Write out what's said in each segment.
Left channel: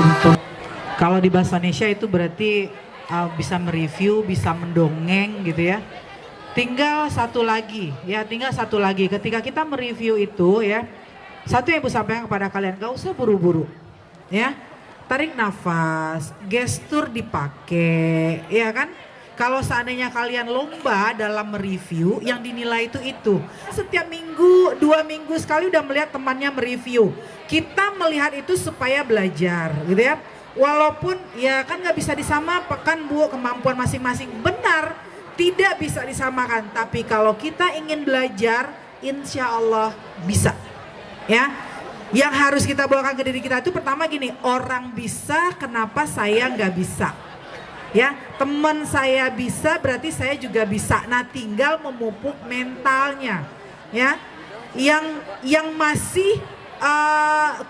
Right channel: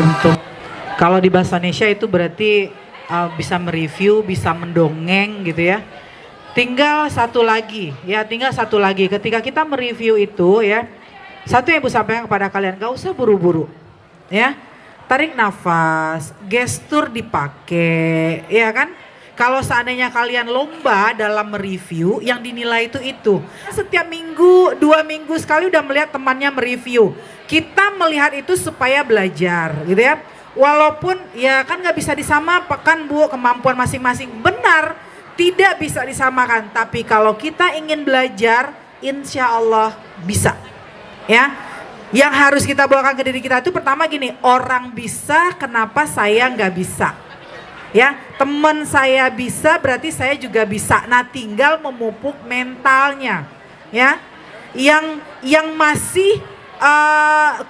Untuk kalau di bahasa Indonesia itu berarti bisa mereview, bisa mendongeng gitu ya. Tinggal satu lagi ya, tinggal satu lagi. Ketika kita mereview itu ya, satu yang Ibu sampaikan kepada kalian, gak usah buru-buru ya. Tarik nafas, gestur dipakai ya kan. Kalau seandainya kalian lomba dalam mereview, yang dinilai itu. Setiap minggu, 2 minggu sekali udah melihat temannya mereview. Kita melihat itu supaya belajar gitu ya. Walaupun ya kan gak bisa disamakan Bu, kemampuan masing-masing. Benar, tidak bisa disamakan. Tapi kalau kita ingin belajar, insya Allah bisa ya. Yang harus kita bawakan ke diri kita itu pertama gini, orang bisa, kenapa saya gak bisa? Ya, teman saya bisa berarti saya juga bisa. Nah, tinggal memupuk mentalnya. Ya, yang masih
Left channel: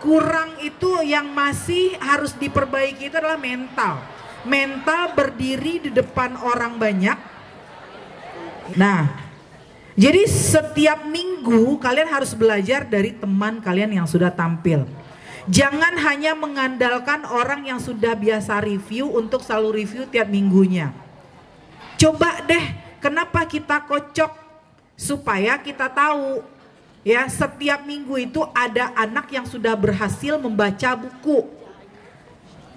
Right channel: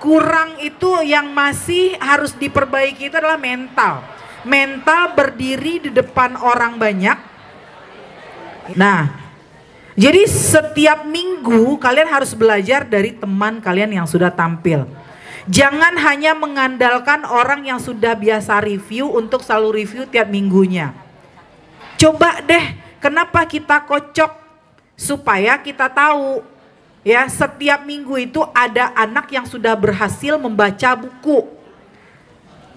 kurang itu, yang masih harus diperbaiki itu adalah mental. Mental berdiri di depan orang banyak. Nah, jadi setiap minggu kalian harus belajar dari teman kalian yang sudah tampil. Jangan hanya mengandalkan orang yang sudah biasa review untuk selalu review tiap minggunya. Coba deh, kenapa kita kocok? Supaya kita tahu ya, setiap minggu itu ada anak yang sudah berhasil membaca buku.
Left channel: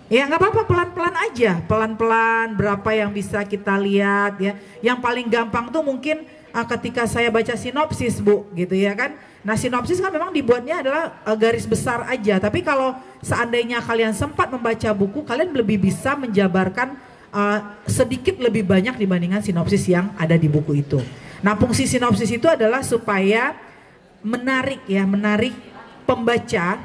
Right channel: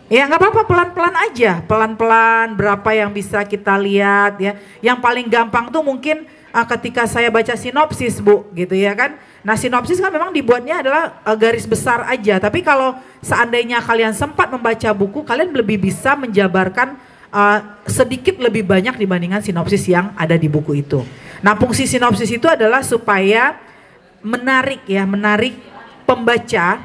Ya nggak apa-apa, pelan-pelan aja, pelan-pelan berapa yang bisa kita lihat ya. Yang paling gampang tuh mungkin ketika saya baca sinopsis Bu, gitu ya kan. Nah sinopsis kan memang dibuatnya adalah garis besar aja. Tapi kalau seandainya kalian sempat membaca buku, kalian lebih bisa menjabarkan sedikit lebih banyak dibandingkan sinopsis yang ada di buku itu. Nah fungsi sinopsis itu adalah supaya menarik ya, menarik pembaca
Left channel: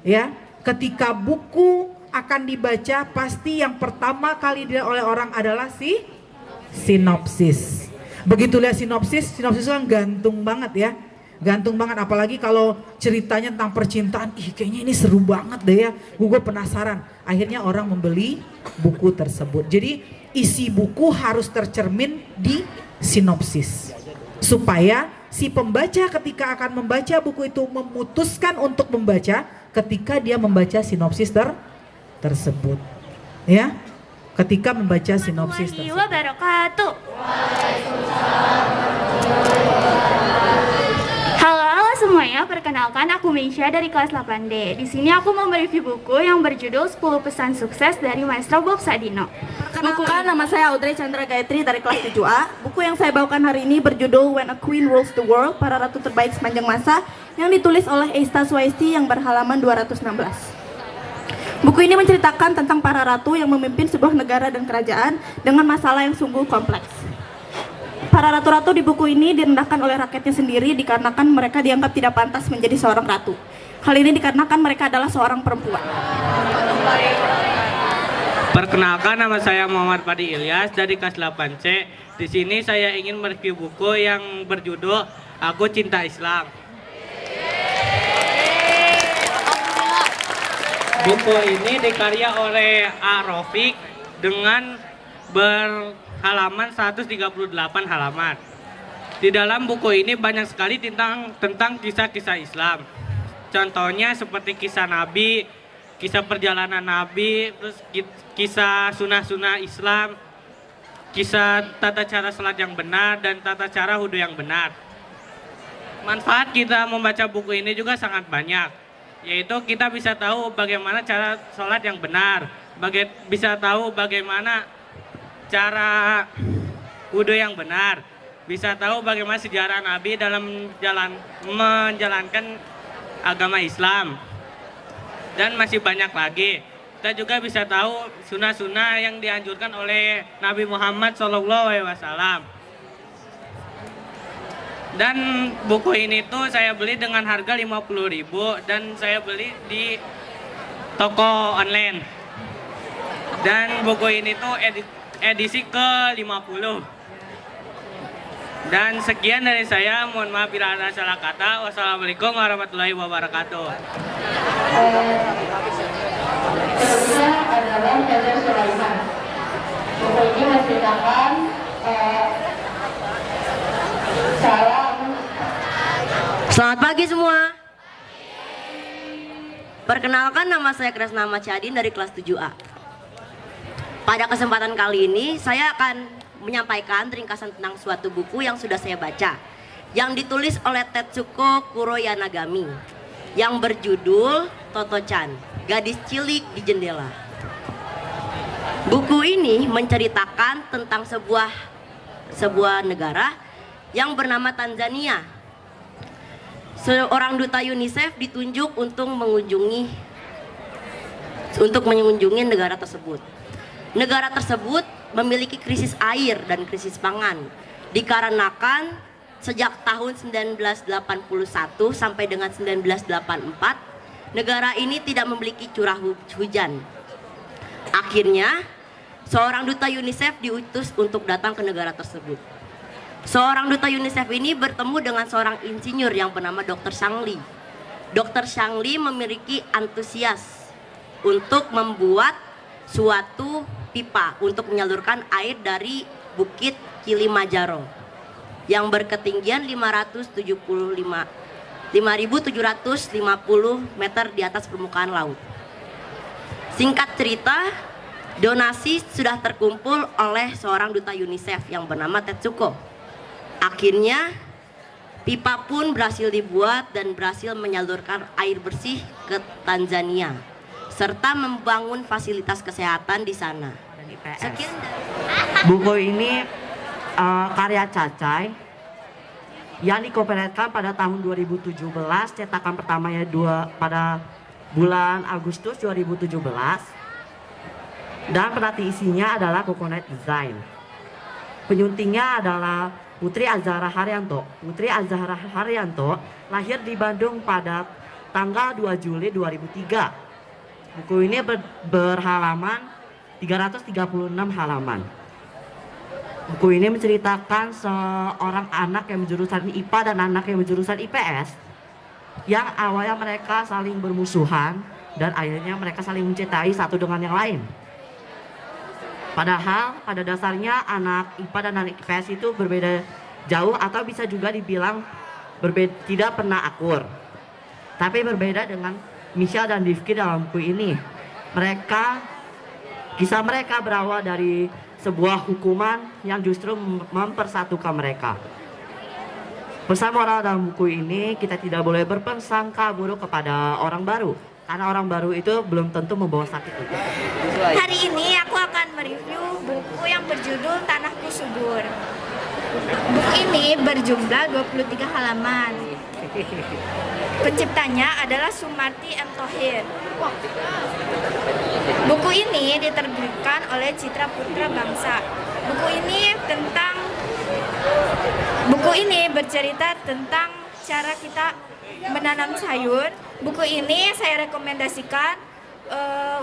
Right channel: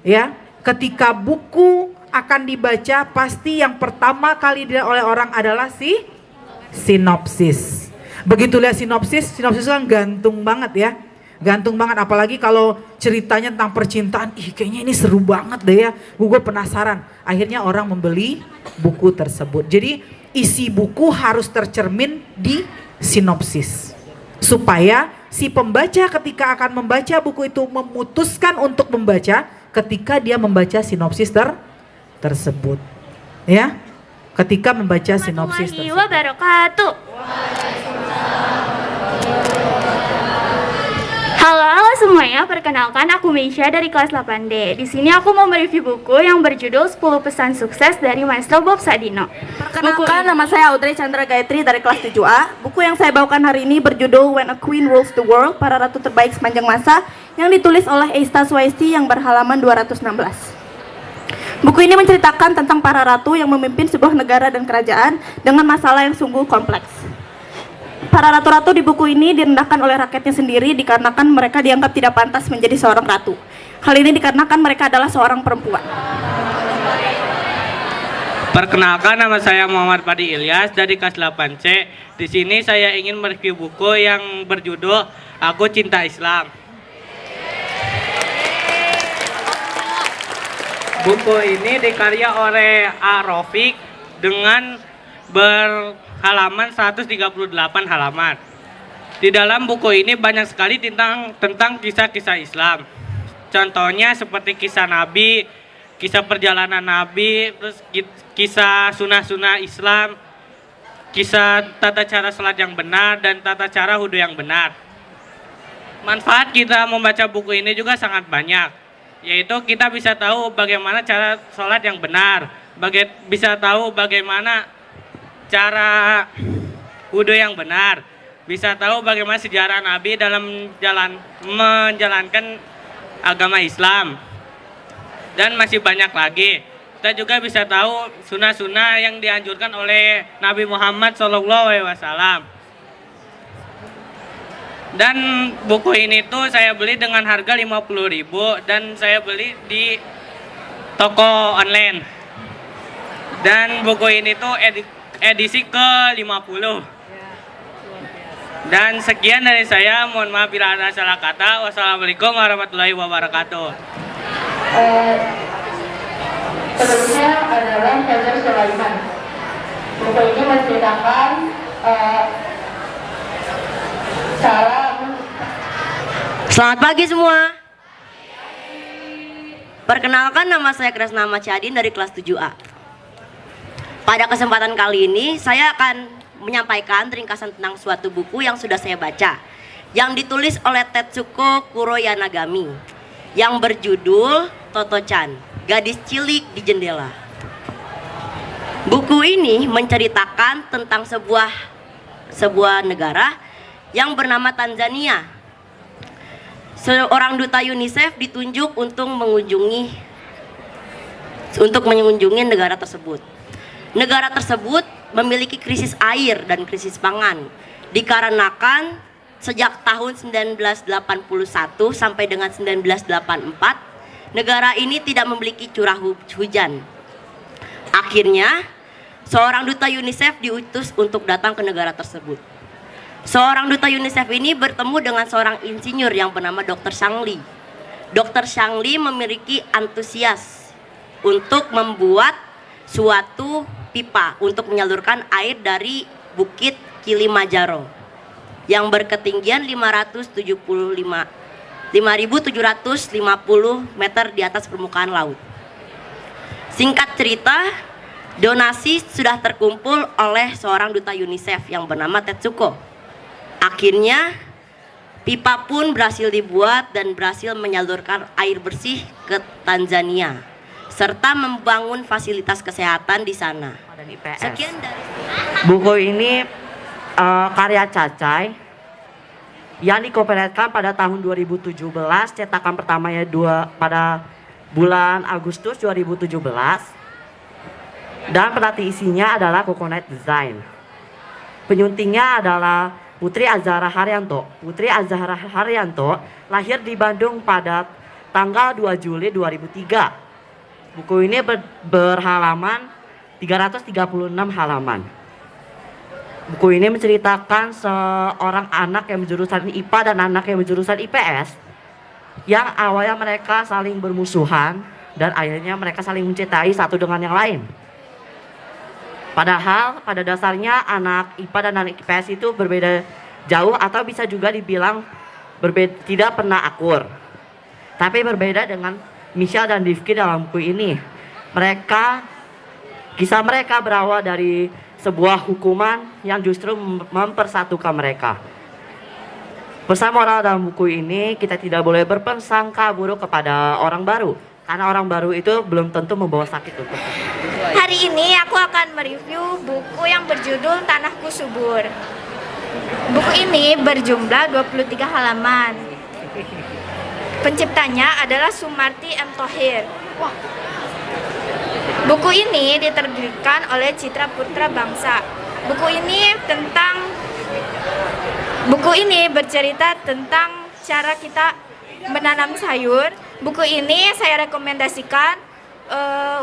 ya. Ketika buku akan dibaca, pasti yang pertama kali dilihat oleh orang adalah sinopsis. Begitu lihat sinopsis kan gantung banget ya. Gantung banget, apalagi kalau ceritanya tentang percintaan, kayaknya ini seru banget deh ya, gue penasaran. Akhirnya orang membeli buku tersebut. Jadi isi buku harus tercermin di sinopsis, supaya si pembaca ketika akan membaca buku itu memutuskan untuk membaca ketika dia membaca sinopsis tersebut ya. Ketika membaca sinopsis tersebut. Wabarakatuh. Halo semuanya, perkenalkan aku Meisha dari kelas 8D. Di sini aku mau mereview buku yang berjudul 10 Pesan Sukses dari Maestro Bob Sadino. Perkenalkan, nama saya Audrey Chandra Gayatri dari kelas 7A. Buku yang saya bawakan hari ini berjudul When a Queen Rules the World, Para Ratu Terbaik Sepanjang Masa, yang ditulis oleh Eista Swaesti yang berhalaman 216. Buku ini menceritakan tentang para ratu yang memimpin sebuah negara dan kerajaan dengan masalah yang sungguh kompleks. Para ratu-ratu di buku ini direndahkan oleh rakyatnya sendiri dikarenakan mereka dianggap tidak pantas menjadi seorang ratu. Hal ini dikarenakan mereka adalah seorang perempuan. Perkenalkan, nama saya Muhammad Padi Ilyas dari kelas 8C. Di sini saya ingin mereview buku yang berjudul Aku Cinta Islam. Buku ini dikarya oleh A. Rafiq dengan berhalaman 138 halaman. Di dalam buku ini banyak sekali tentang kisah-kisah Islam. Contohnya seperti kisah Nabi, kisah perjalanan Nabi, terus kisah sunah-sunah Islam, kisah tata cara salat yang benar dan tata cara wudhu yang benar. Manfaat kita membaca buku ini juga sangat banyak, yaitu kita bisa tahu bagaimana cara sholat yang benar, bisa tahu bagaimana cara wudhu yang benar, bisa tahu bagaimana sejarah Nabi dalam menjalankan agama Islam, dan masih banyak lagi. Kita juga bisa tahu sunnah-sunnah yang dianjurkan oleh Nabi Muhammad SAW. Dan buku ini tuh saya beli dengan harga 50.000 dan saya beli di toko online. Dan buku ini tuh edisi ke-50. Dan sekian dari saya, mohon maaf bila ada salah kata. Wassalamualaikum warahmatullahi wabarakatuh. Sebelumnya adalah Fajar Sulaiman. Buku ini menceritakan Selamat pagi semua. Perkenalkan, nama saya Kresna Masyadin dari kelas 7A. Pada kesempatan kali ini saya akan menyampaikan ringkasan tentang suatu buku yang sudah saya baca, yang ditulis oleh Tetsuko Kuroyanagami, yang berjudul Toto-chan, Gadis Cilik di Jendela. Buku ini menceritakan tentang sebuah negara yang bernama Tanzania. Seorang duta UNICEF ditunjuk untuk mengunjungi negara tersebut. Negara tersebut memiliki krisis air dan krisis pangan, dikarenakan sejak tahun 1981 sampai dengan 1984 negara ini tidak memiliki curah hujan. Akhirnya seorang duta UNICEF diutus untuk datang ke negara tersebut. Seorang duta UNICEF ini bertemu dengan seorang insinyur yang bernama Dr. Shang Li. Dr. Shang Li memiliki antusias untuk membuat suatu pipa untuk menyalurkan air dari Bukit Kilimanjaro yang berketinggian 5.750 meter di atas permukaan laut. Singkat cerita, donasi sudah terkumpul oleh seorang duta UNICEF yang bernama Tetsuko. Akhirnya pipa pun berhasil dibuat dan berhasil menyalurkan air bersih ke Tanzania serta membangun fasilitas kesehatan di sana. Sekian dari buku ini karya Cacai yang dikompilasikan pada tahun 2017, cetakan pertamanya pada bulan Agustus 2017, dan pelatih isinya adalah Coconut Design. Penyuntingnya adalah Putri Azhara Haryanto. Putri Azhara Haryanto lahir di Bandung pada tanggal 2 Juli 2003. Buku ini berhalaman 336 halaman. Buku ini menceritakan seorang anak yang berjurusan IPA dan anak yang berjurusan IPS, yang awalnya mereka saling bermusuhan dan akhirnya mereka saling mencintai satu dengan yang lain. Padahal pada dasarnya anak IPA dan anak IPS itu berbeda jauh, atau bisa juga dibilang tidak pernah akur. Tapi berbeda dengan Misha dan Rifki dalam buku ini. Kisah mereka berawal dari sebuah hukuman yang justru mempersatukan mereka. Pesan moral dalam buku ini, kita tidak boleh berprasangka buruk kepada orang baru, karena orang baru itu belum tentu membawa sakit untuk kita. Hari ini aku akan mereview buku yang berjudul Tanahku Subur. Buku ini berjumlah 23 halaman. Penciptanya adalah Sumarti M. Thohir. Buku ini diterbitkan oleh Citra Putra Bangsa. Buku ini bercerita tentang cara kita menanam sayur. Buku ini saya rekomendasikan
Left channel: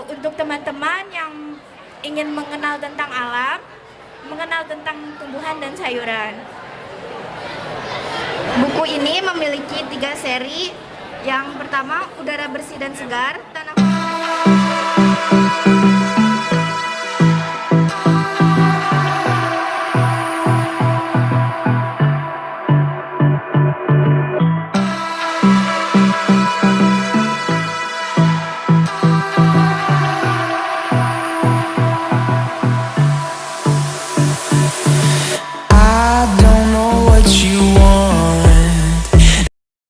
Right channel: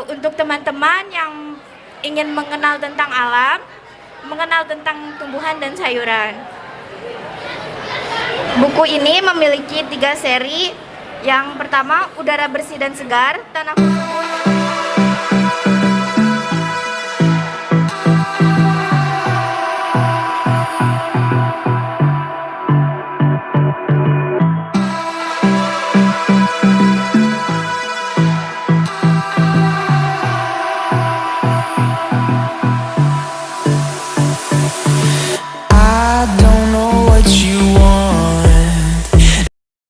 untuk teman-teman yang ingin mengenal tentang alam, mengenal tentang tumbuhan dan sayuran. Buku ini memiliki 3 seri. Yang pertama, Udara Bersih dan Segar, Tanahku Subur. I don't know what you